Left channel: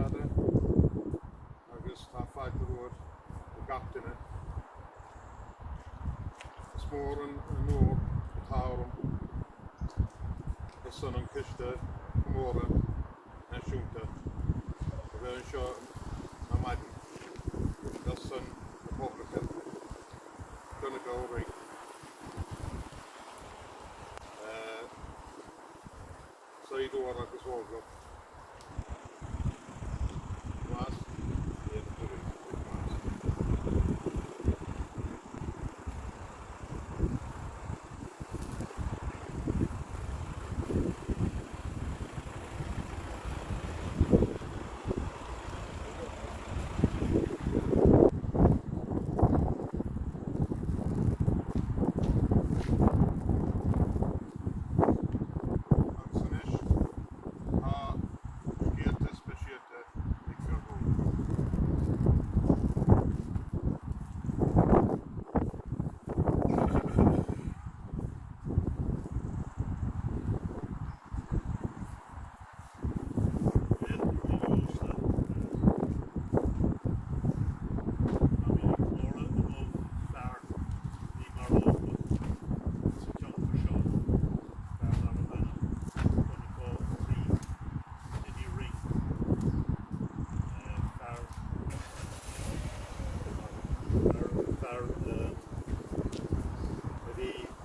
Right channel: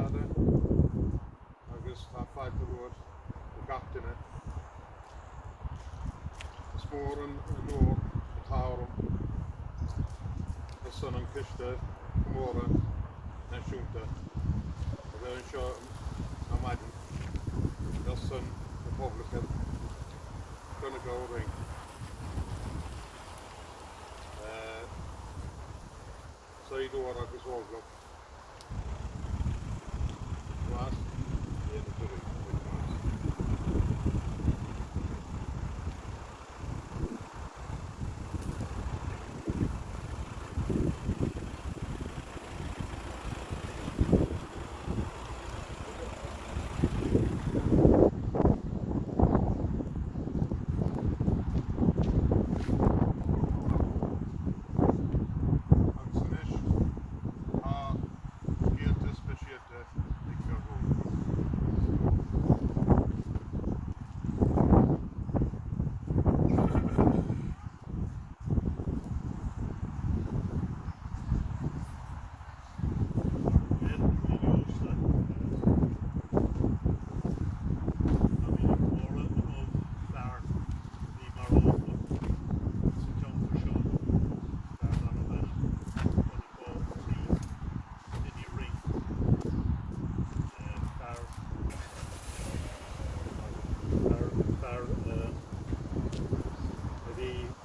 fada agus tá fáilte ruair go gachtainine. Is mór an nóir a táram as san an ciste Comóradh Náisiúnta a bheith anseo na maidin as san na Poblacht Donncha Ó Riain. Saidúar agus Óglach más éana tuí with más.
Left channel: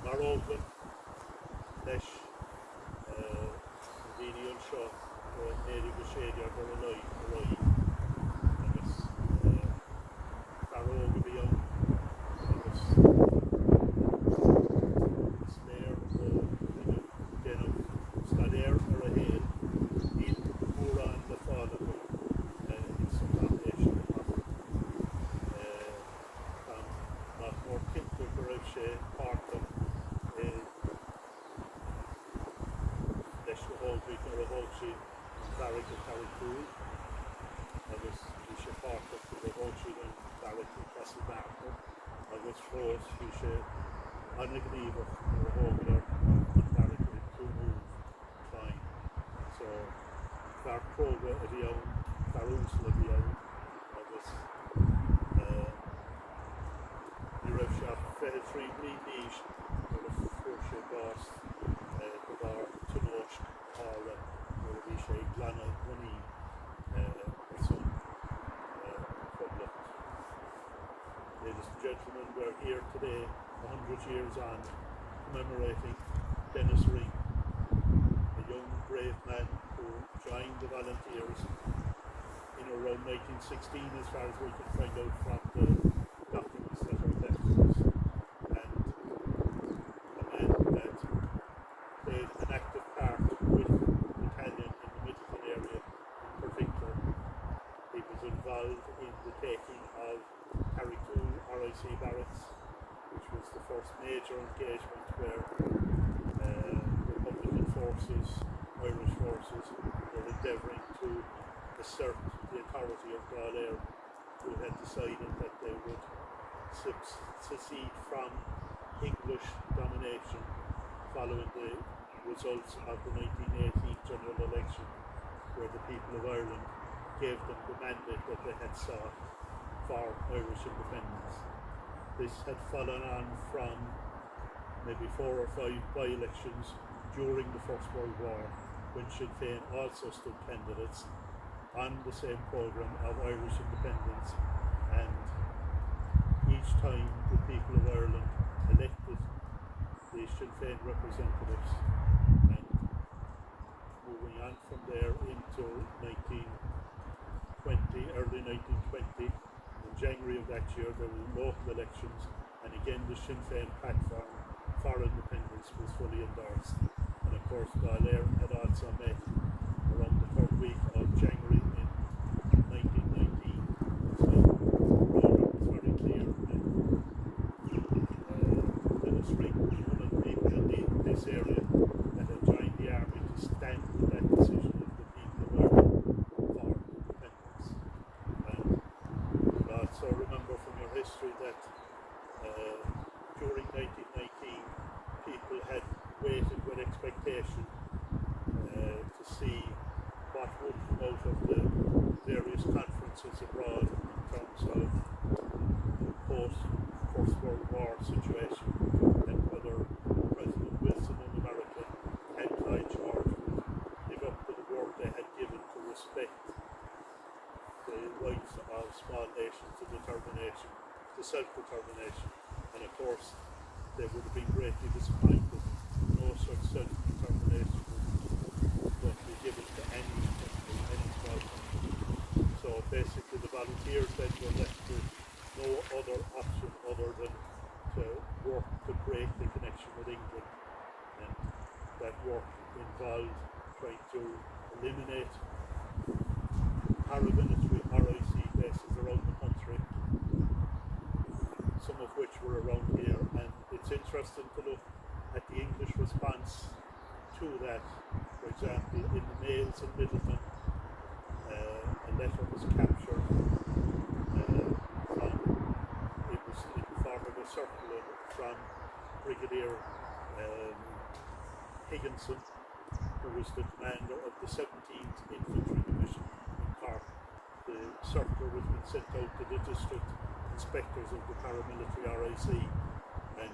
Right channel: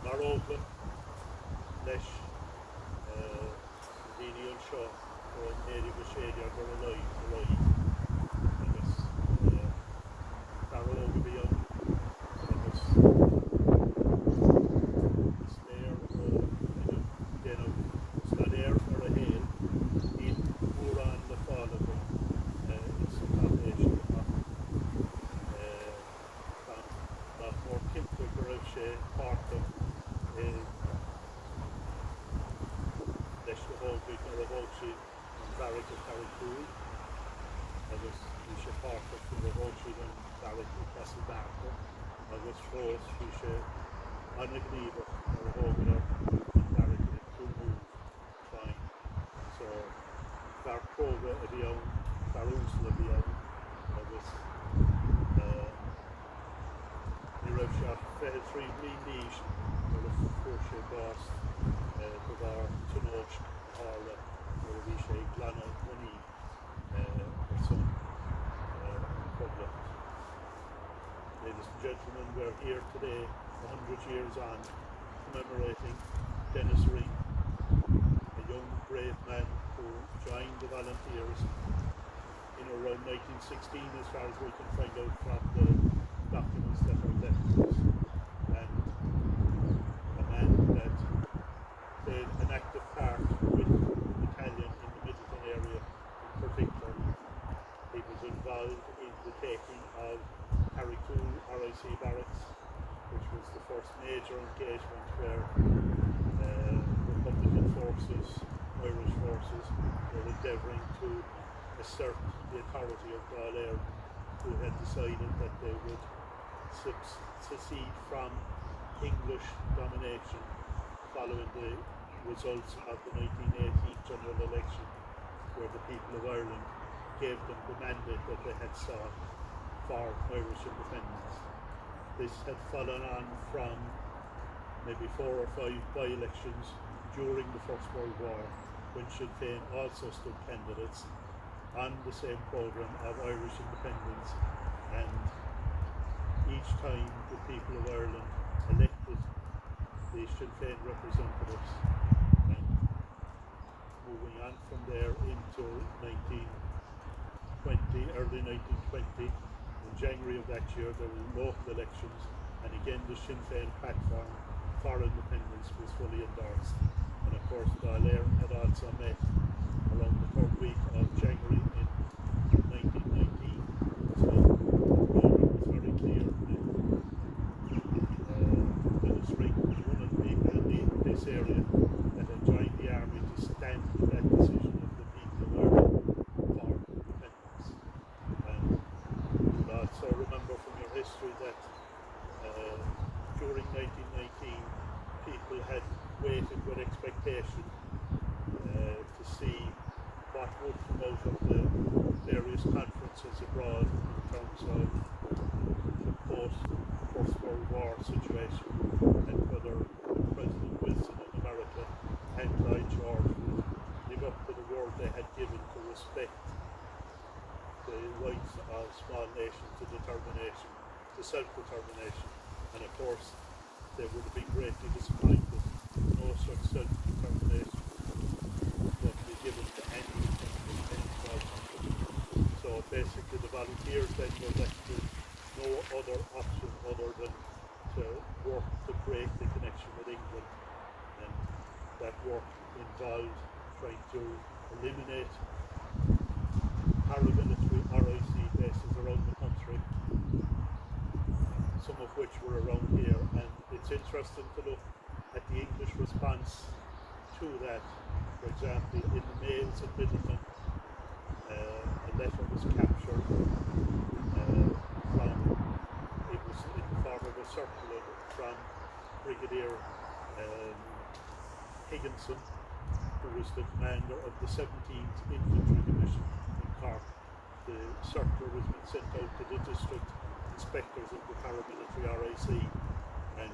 Mar Óglach leis daoine anseo ó méri go séidear gur a roií agus tar óga bhí ann agus sléir ó déanamh stadéir ar a héal íon mórán le fála go is sa cápéis nach mór cinnte go raibh sé páirteach leis go hóldraigh ar a bhóilsí an bharraigh go Carricúil agus bhí sé páirteach go bhóilsí an bharraigh go Castlebarta agus fós bhí sé anna gníomhach ar a hógadar an bharraigh go Túmúl fáin. So bhar próga a bhí ann, bhar úsla a bhí ann agus ní raibh sé 23 bliain níos ar a fuair sé bás go bhar tionóist hála ar a bhí sé glanna bunaí ar son Poblacht. Ladies and gentlemen, we're here today 100 years on commemorating Dennis Ring, a young brave man who joined the volunteers in around 1916 as far as we can find out from the documents that are left to us, and a man that played an active part with the battalion in the Midleton area in particular. He was involved in the taking of Carricúil RIC barracks, which was the first major engagement where Republican forces, Irish forces, were endeavouring to assert the authority of Dáil, who had decided that they would secede from English domination following the results of the 1918 general election, where the people of Ireland gave them the mandate that they had sought for Irish independence. This had followed on from maybe 4 or 5 by-elections during the First World War, when Sinn Féin also stood candidates on the same programme of Irish independence, and each time the people of Ireland elected the Sinn Féin representatives, and moving on from there into 1920, early 1920, in January of that year there were local elections, and again the Sinn Féin platform for independence was fully endorsed. And of course Dáil had also met around the 3rd week of January in 1919. So Robert was very clear that Dennis Ring was one of the people in this area that had joined the army to stand with that decision of the people of Ireland for independence. And you'll also remember from your history that during 1919 people had waited with expectation to see what would come out of the various conferences abroad in terms of the post-First World War situation, and whether President Wilson in America and Lloyd George would live up to the word they had given to respect the rights of small nations to determination, to self-determination. And of course, they would have been greatly disappointed. No such self-determination was going to be given to any country, any small country. So basically the volunteers then were left with no other option other than to work to break the connection with England. And that work involved trying to eliminate paramilitary RIC bases around the country, some of which were around here. And it's interesting to look at the English response to that. For example, in the Mails and Middlemen, a letter was captured it was in the form of a circular from Brigadier Higginson, who was the commander of the 17th Infantry Division in Cork. The circular was being sent out to the district inspectors of the paramilitary RIC, and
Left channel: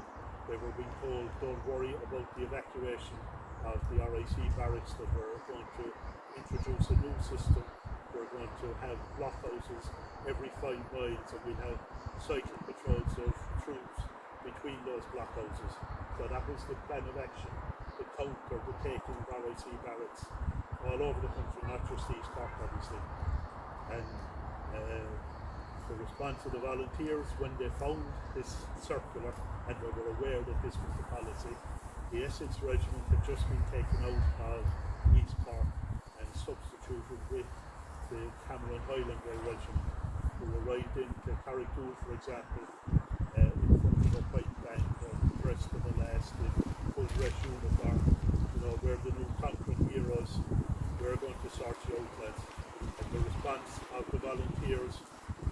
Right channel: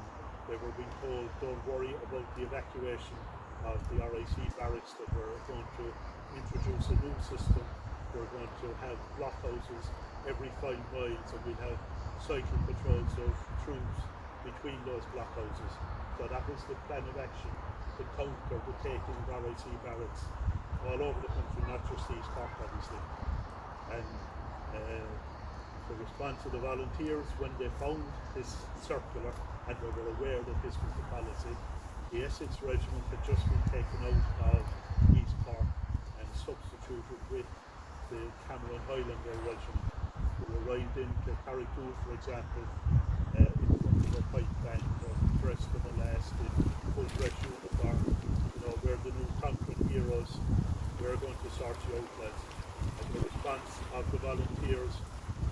they were being told, don't worry about the evacuation of the RIC barracks, that we're going to introduce a new system. We're going to have blockhouses every 5 miles, and we'll have cycling patrols of troops between those blockhouses. So that was the plan of action, to counter the taking of RIC barracks all over the country, not just East Cork obviously. And the response of the volunteers when they found this circular, and they were aware that this was the policy, the Essex Regiment had just been taken out of East Cork and substituted with the Cameron Highlander Regiment, who arrived into Carrigtwohill, for example, in front of a pipe band, dressed to the last in full dress uniform. You know, we're the new conquering heroes, we're going to sort you out, lads. And the response of the volunteers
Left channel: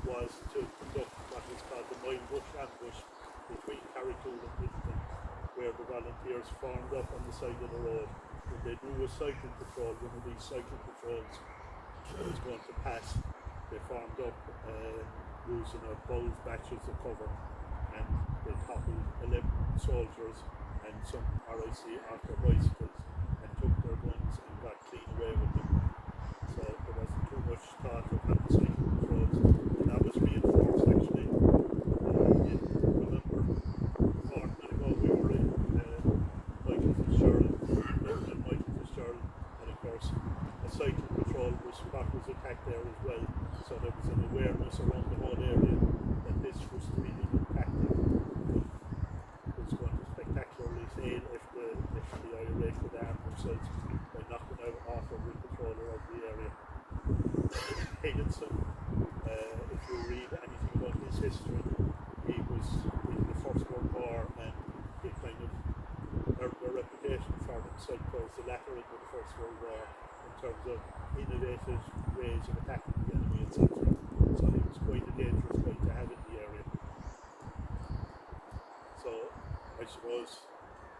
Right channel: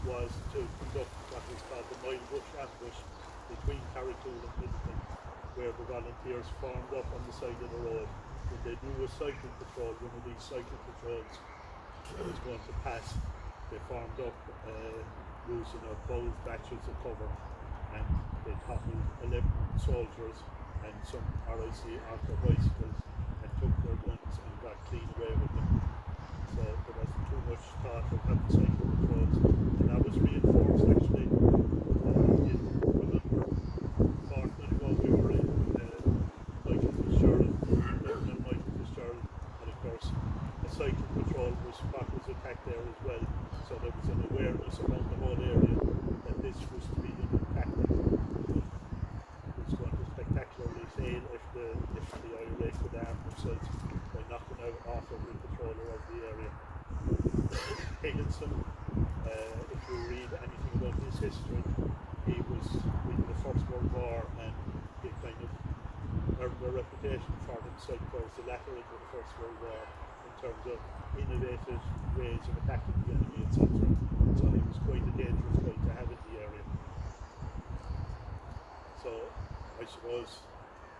was to conduct what was called the Mile Bush ambush between Carrigtwohill and Middleton, where the volunteers formed up on the side of the road. When they knew a cycling patrol, one of these cycling patrols was going to pass, they formed up using a bold batches of cover, and they toppled 11 soldiers and some RIC off their bicycles and took their guns and got clean away with them. So there wasn't too much thought of having cycling patrols, and that was reinforced actually. Remember, Portman ago we were in Michael Fitzgerald, Dublin and Michael Fitzgerald, and of course a cycling patrol was attacked there as well. So there was an awareness around the whole area that this was to be the new tactic. It was going to spectacularly fail if the IRA could arm themselves by knocking off every patroller of the area. Higginson, if you read anything about his history, he was in the First World War, and he kind of earned a reputation for himself towards the latter end of the First World War in terms of innovative ways of attacking the enemy, etc. So he was quite a dangerous guy to have in the area. So I suppose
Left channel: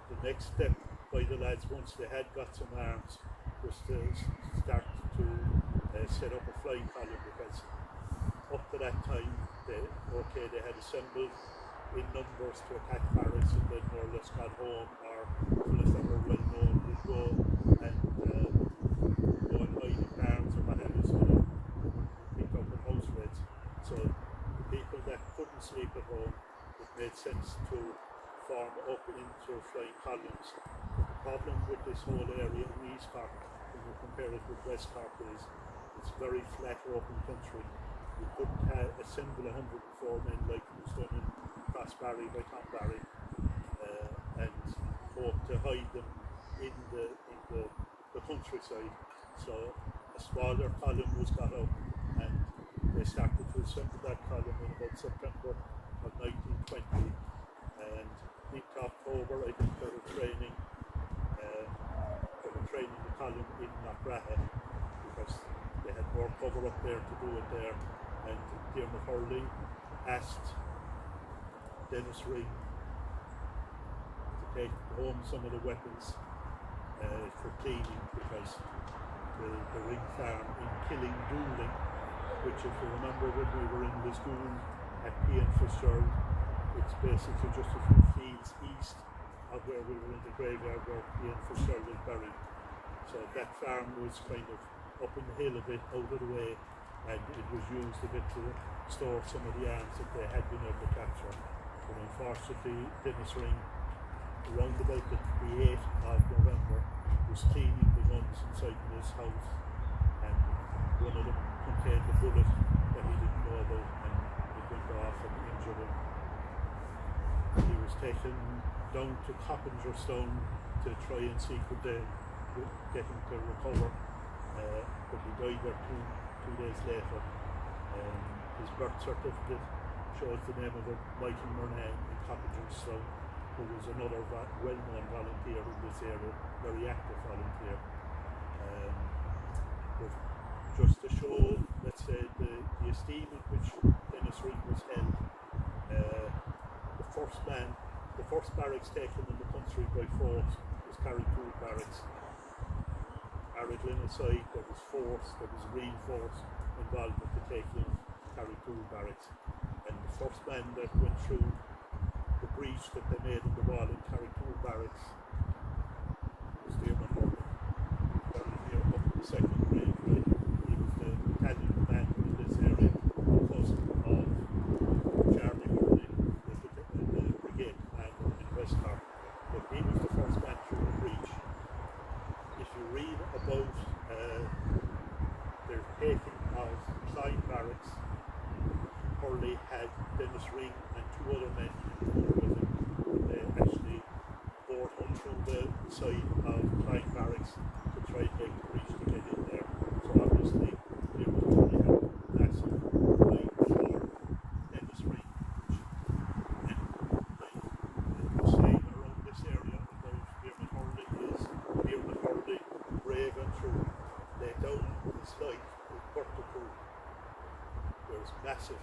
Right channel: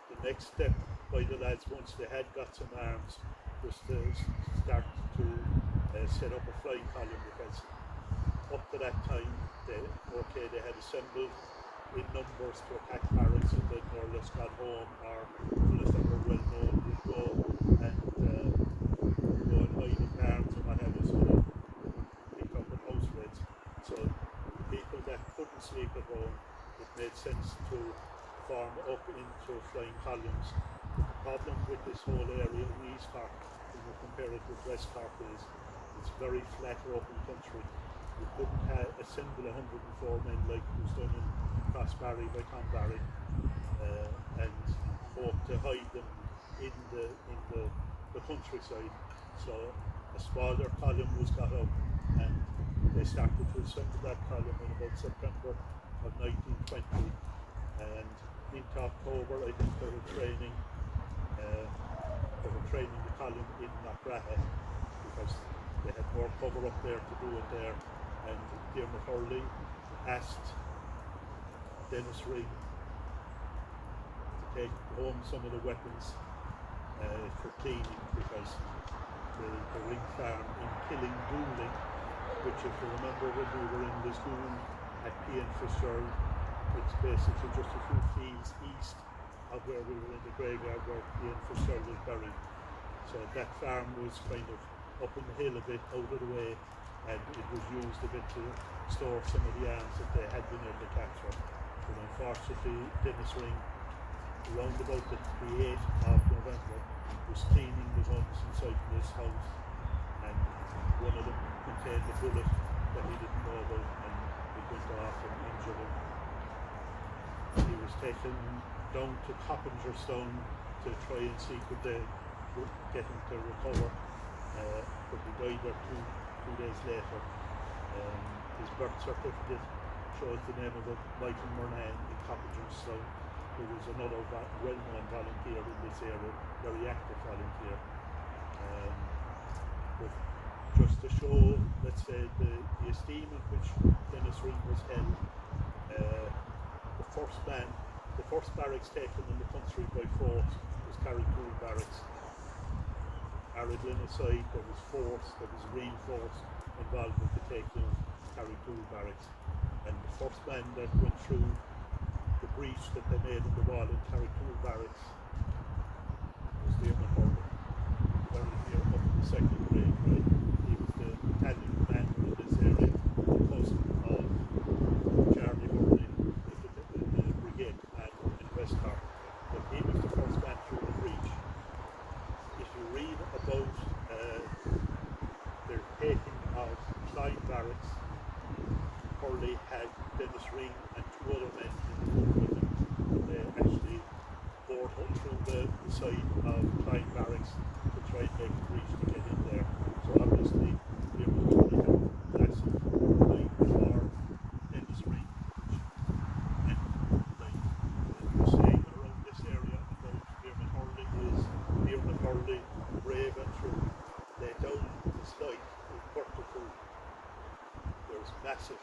the next step by the lads, once they had got some arms, was to start to set up a flying column, because up to that time they had assembled in numbers to attack barracks, and then more or less got home, or fellas that were well known would go and hide in barns and what have you, so that they wouldn't be picked up in house raids. So the people that couldn't sleep at home, it made sense to form up into flying columns. But the problem with this whole area in East Cork, when you compare it with West Cork, is it's very flat open country. You couldn't assemble 104 men like was done in Crossbarry by Tom Barry, and hope to hide them in the countryside. So a smaller column was got up, and they started to assemble that column in about September of 1920, and into October I think they were training the column in Knockratha, because they had more cover up there to do it there. And Diarmaid Hurley asked Dennis Ring to take home some of the weapons for cleaning, because the ring farm in Killing, which, if you remember when we were in the school at P. N. Fitzgerald, it's basically just a few fields east of where we were in the graveyard where P. N. Fitzgerald is buried. So that farm was kind of up in the hill a bit, out of the way, and it was used a bit to store some of the arms that they had been able to capture. But unfortunately, Dennis Ring, around about the 8th of November, was cleaning the guns inside this house, and one of them contained a bullet that he didn't know about, and it went off and injured him. He was taken down to Coppingerstone to try and see could they get him to recover, but he died there two days later. His birth certificate shows the name of a Michael Murnane in Coppingerstone, who was another well-known volunteer in this area, very active volunteer. But just to show, let's say, the esteem in which Dennis Ring was held, the first barracks taken in the country by force was Carrigtwohill Barracks. Arregling aside, there was real force involved with the taking of Carrigtwohill Barracks. And the first man that went through the breach that they made in the wall in Carrigtwohill Barracks was Diarmaid Hurley. Very near up in the second grade, right? He was the battalion commander in this area, the cousin of Charlie Hurley, the brigade commander in West Cork. But he was the first man through the breach. If you read about their taking of Clyde Barracks, Hurley had Dennis Ring and 2 other men in the room with him. They actually bored up through the side of Clyde Barracks to try and make a breach to get in there. So obviously Diarmaid Hurley had massive line for Dennis Ring. And like the saying around this area about Diarmaid Hurley is Diarmaid Hurley, brave and true, laid down his life in Portacool. There's massive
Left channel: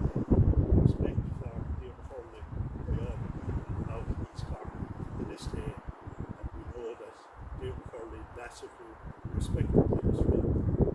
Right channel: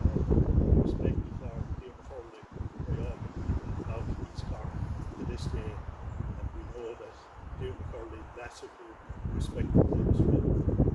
respect for Diarmaid Hurley by all the people of East Cork to this day, and we know that Diarmaid Hurley massively respected Dennis Ring.